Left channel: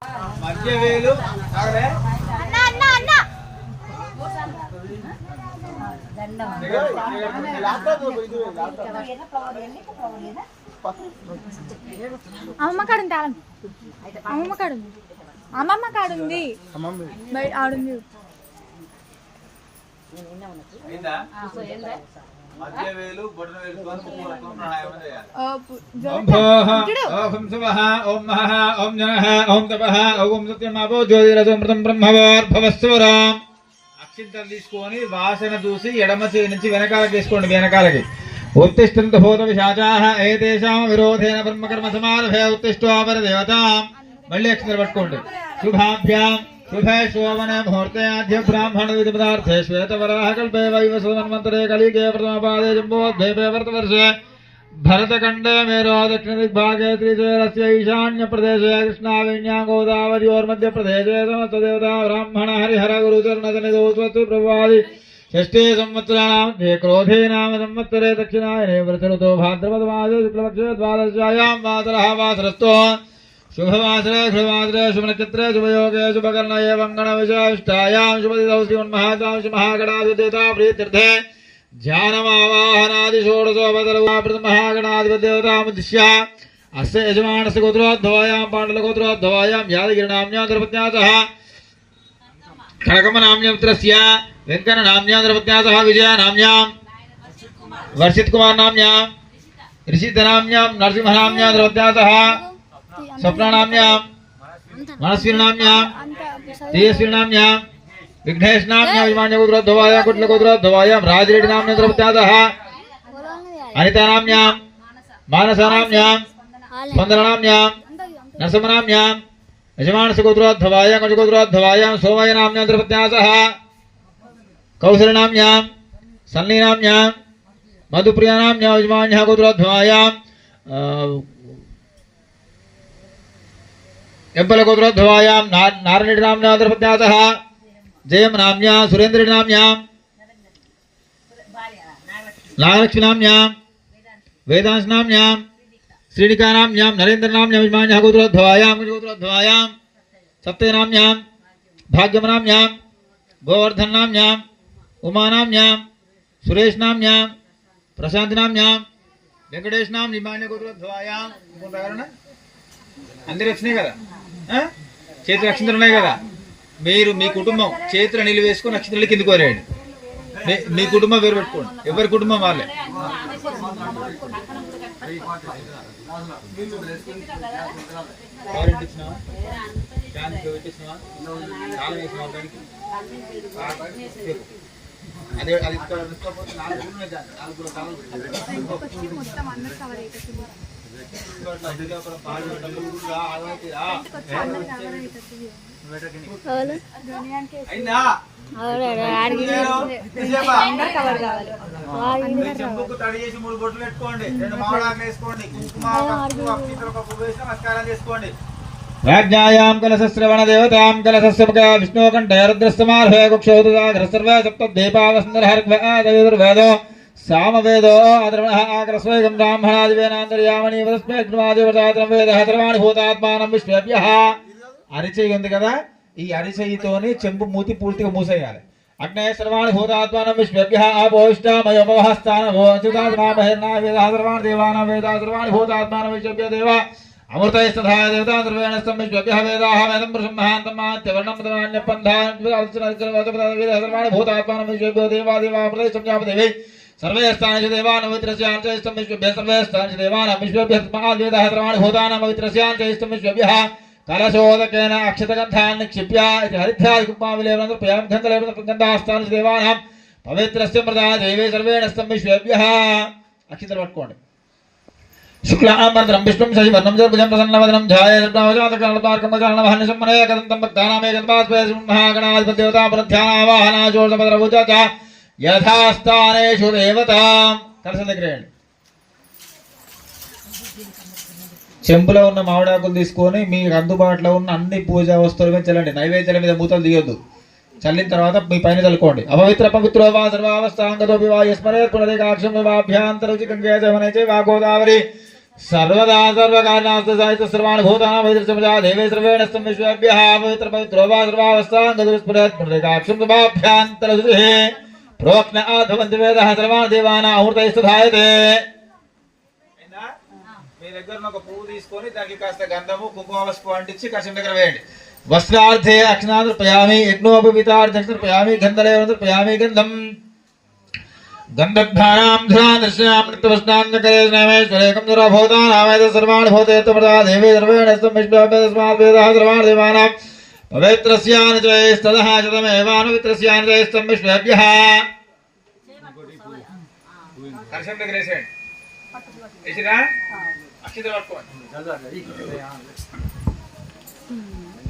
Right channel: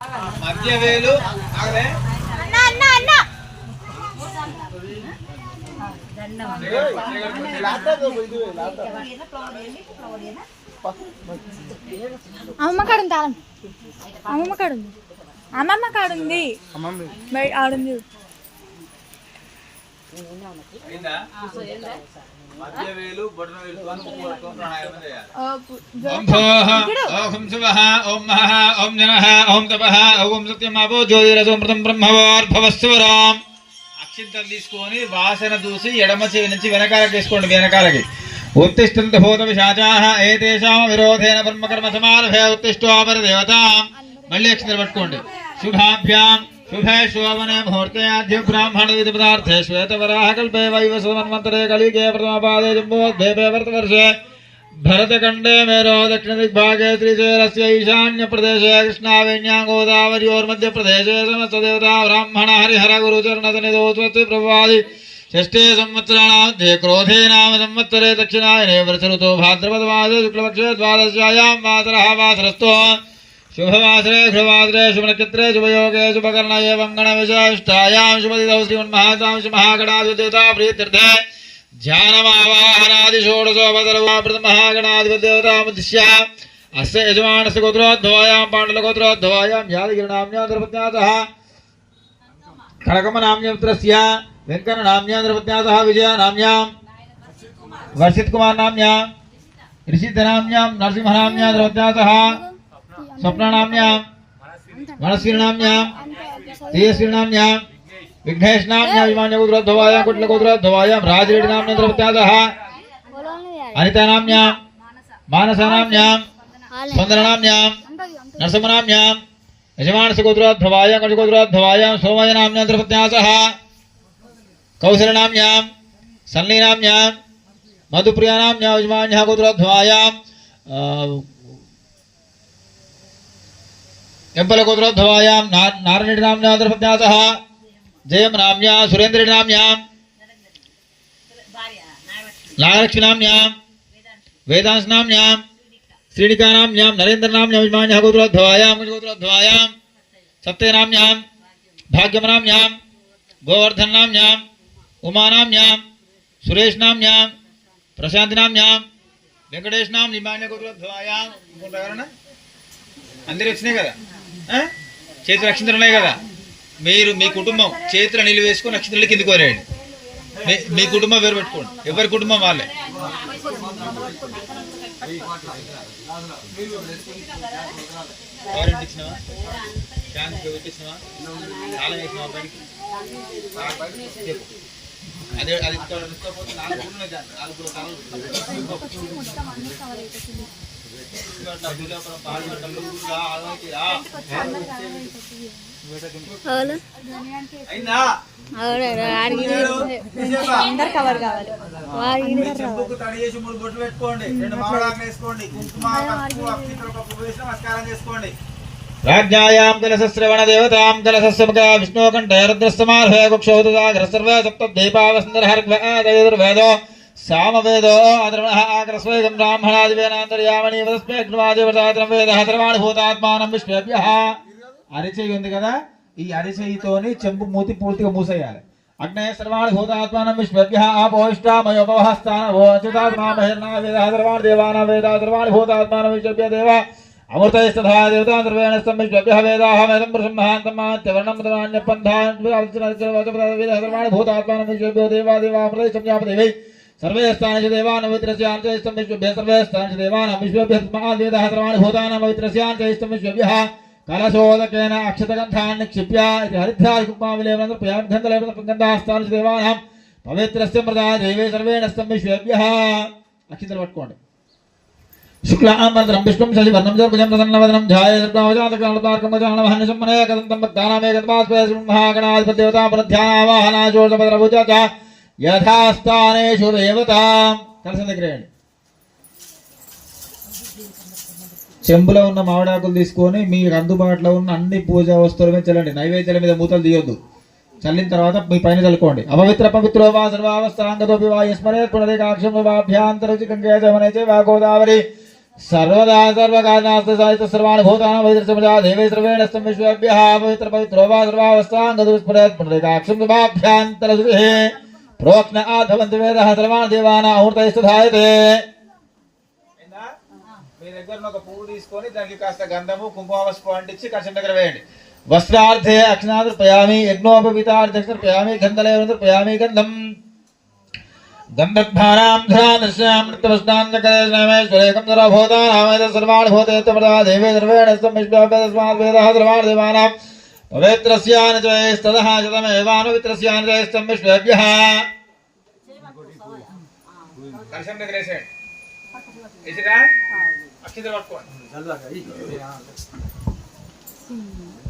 మధ్య వేలు అమ్మమ్మ కాడుంది తాళం అమ్మమ్మ కాడుంది అమ్మమ్మ కాడుంది ఆడుంది మధ్య వేలు బొటన వేలుతో ముక్కు పట్టుకొని ప్రాణాయామం చేయాలి. ఓం శివః ఓం మహః ఓం జనః ఓం తపః ఓం సత్యమాపో జ్యోతిరసోమృతం బ్రహ్మవార్భవస్వరాం. అక్షింతలు తీసుకొని వాసన చూసి ఎడమ చేయి నుంచి వెనకాలకి వేసుకోండి. వెనకాలకి ఉత్తిష్టంత భూత విశాచాః ఏతేషాం విరోధేన బ్రహ్మకర్మ సమారభే ఉత్తిష్ఠోపర దేవతాం. మళ్ళీ అక్షింతలు పట్టుకోండి. శుభాభ్యాం शुभे शोभने मुहूर्ते आद्य ब्राह्मण विधि पदार्थे श्वेत वराह कल्पे वैवस्वतन्वन्तरे कलिके प्रथमपादे जम्बोद्भवे वर्तवर्षे भरतखण्डे मेरो दक्षिण दिग्भागे श्रीशैलस्य ईशान्य प्रदेशे कृष्णावेण्यां गोदावर्योर्मध्यप्रदेशे समस्तदेवता ब्राह्मण हरिहर गुरुचरणसन्निधौ स्वस्ति प्रभवादि षष्ठे संवत्सराणां मध्ये क्रोधे नाम संवत्सरे दक्षिणायने वर्षऋतौ भाद्रपदमासे शुक्लपक्षे द्वादश्यायां वासरः वासरस्थो शुभवासरे शुभवासरे शुभनक्षत्रे शुभयोगे शुभकर्णये वङ्गणविशिष्टायां शुभदिनौ श्रीमन्महासां महागणाधिदेवता प्रीत्यर्थे ध्यानमावाहनादिषोडशोपदर्वाप्रथमहागणाधिपतिदेवतामुद्दिश्य अस्य यजमानस्य गोत्रोद्भवायां पाण्डुलगोत्रोद्भवायां यादगिरिनाम्न्या द्रपत्न्यासः खड्गमनाम्न्या पुत्रस्य वेङ्कटनाम्न्या द्रपत्न्या सह विजयनाम्न्यां वर्षितकुमारनाम्न्यां ऋषिधनाम्न्यां नरसिंहनाम्न्या द्रपत्न्या सह स्वप्नानाम्यां मनस्विनाम्यां तेजस्विनाम्यां विघ्नेशनाम्यां विमानगोत्रोद्भवायां कुट्लगोत्रोद्भवायां राजरेड्डिनाम्यां द्रवत्यासः अनितानाम्यां मानसानाम्यां स्पन्दनाम्यां नरसिंहनाम्यां यजमानसगोत्रोद्भवायां कुटगोत्रोद्भवायां सोमयनाम्यां द्रवत्यासः कौशलनाम्यां सन्नीनाम्यां मधुप्रियानाम्यां यजमान्यः गोत्रोद्भवायां एम्पलगोत्रोद्भवायां नारायणनाम्न्या द्रपत्न्यासः जयमनाम्न्या सुरेन्द्रनाम्न्यां नागलक्ष्मीनाम्न्यां वेदांशनाम्न्यां श्रीनिकानाम्न्यां नरेन्द्रनाम्न्यां यजमान्यः गोत्रोद्भवायां गोत्रोद्भवायां सप्तनाम्न्यां भाग्यमनाम्न्यां गोवर्धननाम्न्यां उमानाम्न्यां सुरेशनाम्न्यां प्रशान्तिनाम्न्यां वेंकटेशनां यजमान्यः गोत्रोद्भवायां అందరూ వచ్చినాయి కదా. చేతులు నక్షత్రాలు ఉన్నాయి కదా. మీరు మీ కుటుంబం చేతులు నీళ్ళు వేసుకొని నక్షత్రాలు కిందికి కోరేయండి. మీ కుటుంబం వేరు పెట్టుకోండి. ఎవరి కుటుంబం వాళ్ళే. అదే అది మూడు బొట్లు పెట్టుకోండి. 2 మామిడాకులు వేసుకోండి. కుంకుమ నమస్కారం చేసుకోండి. వాజ్ఞాయాం కలశశ్రవణ దేవతాం కలశస్సుముఖ విష్ణుకంఠే రుద్రస్తమార్హే కుక్షౌదసాగర సర్వే సప్తద్వీపావసుందరహర్వేదో సామవేదో అధర్వణః ఆకరస్వైగం బ్రాహ్మణాదివేనాంతర్యామణి వదస్మేగ్నవాదివదాత్రం వేదః సర్వాణి భూతాత్మానం విశ్వేభ్యః. అరిచేయి ఉంది కదా. ఈ అరిచేయితోని చెంపు మూతి పూర్తిగా మూసేయాలి. అగ్నేయ సర్వాణి భూతాత్మానం విశ్వేభ్యః ఆపోష్టామయోపవహస్థానమో అచ్యుతాత్మా మహిర్నా వేదః సర్వాణి దేవానాం వేదః సర్వాణి భూతాత్మానం విశ్వేభ్య దేవ అమృతైస్తథా దేవతా సర్వేణ సంవిశ్వేభ్యః వేదాః వేదం బ్రహ్మాంతమాత్యవర్ణం తదాన్యపంధాన్ వేదః సర్వాణి భూతాత్మానం విశ్వేభ్యో దేవా దేవామృతై సంజ్ఞాపదేవై सर्वे स्थान देवान पवित्रस्यान्तरिष्टं विश्वेभ्यः सर्वे स्थान देवानां विश्वेभ्यः वेदः सर्वाणि भूतानां पवित्रस्यान्तरिष्टं विश्वेभ्यः कलशोदकेन अक्षतगन्धान् निक्षिप्य इति हरिद्राजकुक्माविलेवनं प्रयामि गन्धलेवनं देवानां पवित्रस्य मृदाय देवे सर्वेण स्तं विश्वेभ्यः. अक्षतలు పట్టుకోండి. शुक्लांबरं विष्णुं शशिवर्णं चतुर्भुजं प्रसन्नवदनं ध्यायेत्तावजातकालपार्कमकालवहनशम्मने कदन्तं भक्तानामे गन्धमास्पयसिंहगणाधिपतिदेवतां प्रध्यानावाहनाचोर्धपदरभुजः యథాస్థానేషు దేవతాం. కలిసి దగ్గరేయండి. చెంబులో ఉన్న మామిడాకులు తీసుకొని మీరు అందుబాటులో ఉన్న అన్ని పూజా వస్తువుల మీద చల్లండి. నైవేద్యాల మీద మూతలు తీయొద్దు. చల్లిన తర్వాత మీ పైన చల్లుకోండి. అపవిత్ర పవిత్రో వా సర్వావస్థాంగతోపి వా యస్మరే పునరేకాక్షం వాభ్యాంతరుచి గంగే జమునే చ వా గోదావరి सर्वदा सर्वकार्यास्तु साहित्य सर्वाणि भूतानां वैद्यसमजा देवे सर्वेण विश्वेभ्यः पवित्र पवित्रो वा सर्वावस्थाङ्गदुस्फुरेत् पुण्डरीकाक्षं शुभाभ्यान्तरशुचिः प्रोक्ष्ण आधवन्ति वेदः सर्वाणि देवानां अमृतैस्तु धायते మీ దగ్గర ఒక పువ్వు తీసుకొని దానికి కాస్త గంధము కుంకుమ అంటించి కషం దగ్గర వేయండి వస్త్రార్థే అక్షనాదర్పయామి యజ్ఞోపవితార్థర్పయామి గంధలేవదర్పయామి గంధం गंधर्भाराम ध्रानश्याम नित्यवस्नान्नकरेश्वरेकं दुराभूतानामेत सर्वाणि भूतेत्वमदा देवी सर्वेणस्तं विश्वाभ्यस्मात् वेदः सर्वाणि देवानां पवित्रस्यानुजयस्तदः शतमेवानुवित्रस्यानुजयस्तं विश्वेभ्यः కలశం దగ్గర వేసేయండి వేసిరా అక్షింతలు పట్టుకోండి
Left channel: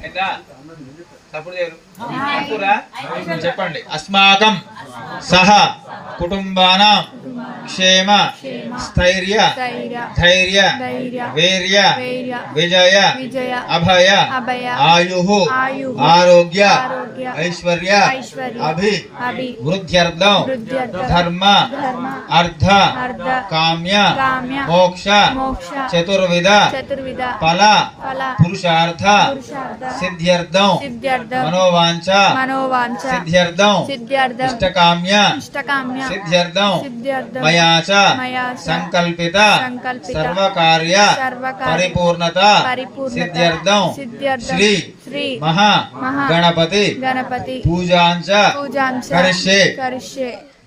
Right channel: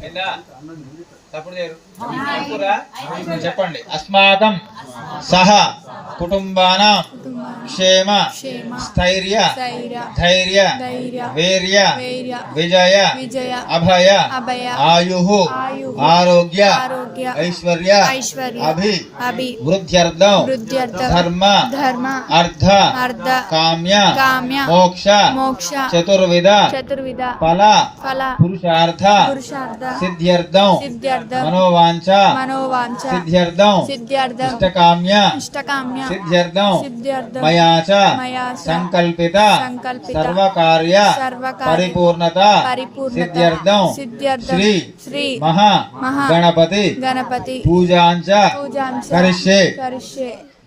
ఏందా తప్పుడు చెప్పండి అస్మాకం సహ కుటుంబానాం క్షేమ స్థైర్య ధైర్య వీర్య విజయ అభయ ఆయు ఆరోగ్య ఐశ్వర్య అభి వృద్ధ్యర్థం ధర్మ అర్థ కామ్య మోక్ష చతుర్విధ ఫల పురుషార్థ సిద్ధ్యర్థం మనోవాంఛ సిద్ధ్యర్థం ఇష్టకామ్య సిద్ధ్యర్థం మయా చ సంకల్పిత సర్వకార్య పరిపూర్ణత సిద్ధ్యర్థం శ్రీ మహా గణపతి పూజాంచ కరిష్యే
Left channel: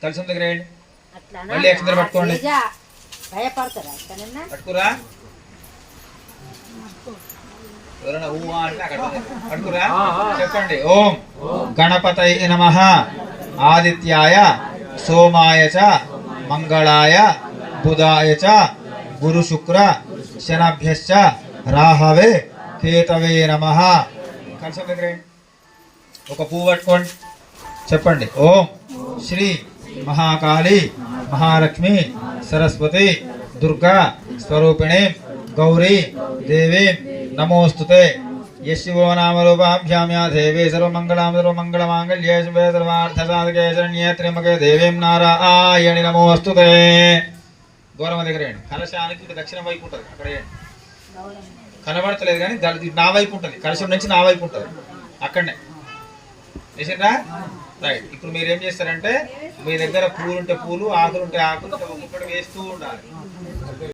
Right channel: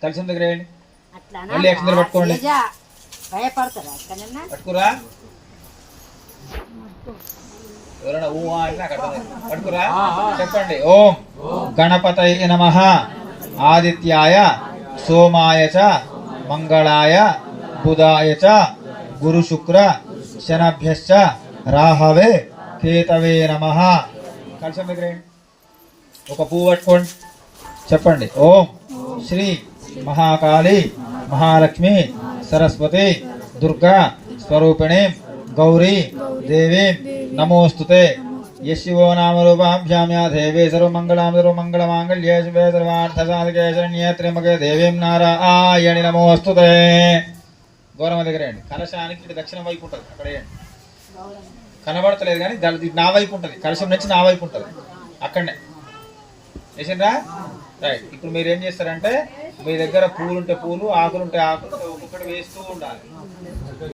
కలిసి దగ్గర మళ్ళీ అక్షంతలు పట్టుకోండి పట్టుకురా చెప్పండి ఓం గణపతయ నమః ఆదిత్యాయ సోమాయ చ మంగళాయ బుధాయ చ గురు శుక్ర శనభ్యశ్చ రాహవే కేతవే నమః కలిసి దగ్గర ఒక పువ్వు పట్టుకోండి చెప్పండి ఓం శ్రీ మహాకాళి మహాలక్ష్మి సరస్వతి దుర్గా స్వరూపిణి గౌరీ దేవి నమోస్తుతే యశివో నామ రూపాభ్యాం యా దేవీ సర్వమంగళమాంగళ్యే శుభే సర్వార్థసాధకే శరణ్యే త్ర్యంబకే దేవీం నారాయణి నమోస్తుతే దూరం దగ్గర కలశానికి దక్షిణ వైపు ఉంటుంది అక్కడ కనబడతలేదు కానీ నా వైపు ఉంటుంది కలశం నుంచి నా వైపు ఉంటుంది అక్కడనే చేసిండ్రా రైట్ ఇప్పుడు మీరు ఏం చేస్తారంటే మీ దగ్గర పూలుంటే పూలు ఆకులుంటే ఆకులు ఒక్కొక్కటి వేస్తూ ఉండాలి